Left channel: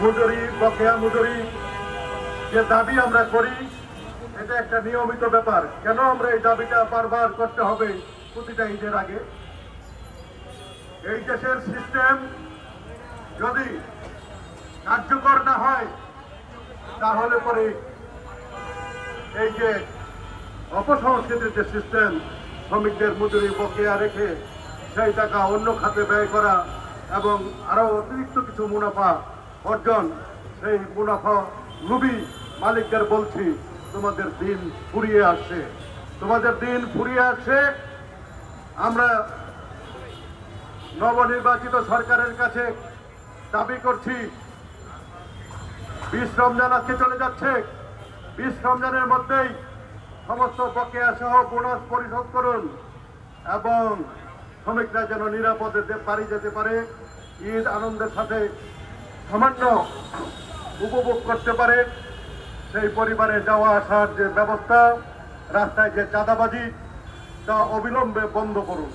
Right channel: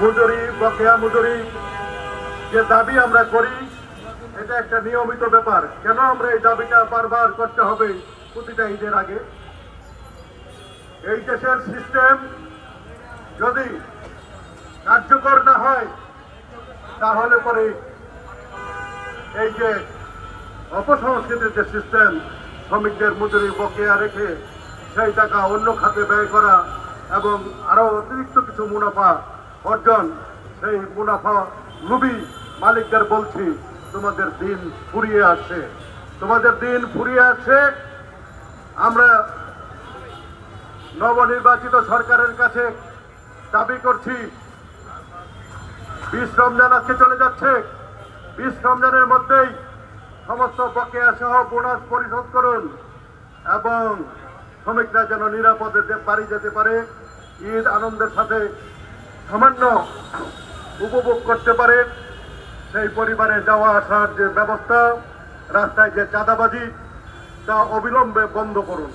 মজুরি বকেয়া মজুরি যে দাবি আমরা করি, এটা একটা নিয়মিত ব্যাপার। কেন আমরা এই দাবিটা বারবার করতে হবে প্রতিটা ঈদের আগে? এই দেশের সিস্টেম যদি কার্যকর না হয়, তাহলে পরে এই যে অপসংস্কৃতির যে সিস্টেম, শ্রমিকদের মজুরি বকেয়া রেখে সেই টাকা অন্য খাতে ব্যয় করা এবং আরো অতিরিক্ত কিছু মুনাফা অর্জন, সেই মুনাফা লোভী মালিকদের বলছি, তোমাদের দিন ফুরিয়ে আসছে, তোমাদের দিন ফুরিয়ে আসছে। আমরা নবনির্বাচিত সরকারের কাছে দাবি করছি, 20 রমজান আজকে চলে যাচ্ছে, 20 রমজানের মধ্যেই সমস্ত বকেয়া সহ বোনাস পরিশোধ করুন এবং শ্রমিকরা যেন নিরাপদে বাড়ি যেতে পারে, ঈদ আনন্দের সাথে সামান্য উপভোগ করতে পারে। সেই পরিবারে যাওয়া আসার যে ব্যবস্থা, রাস্তায় যে চাঁদাবাজি, তা অবিলম্বে বন্ধ করুন।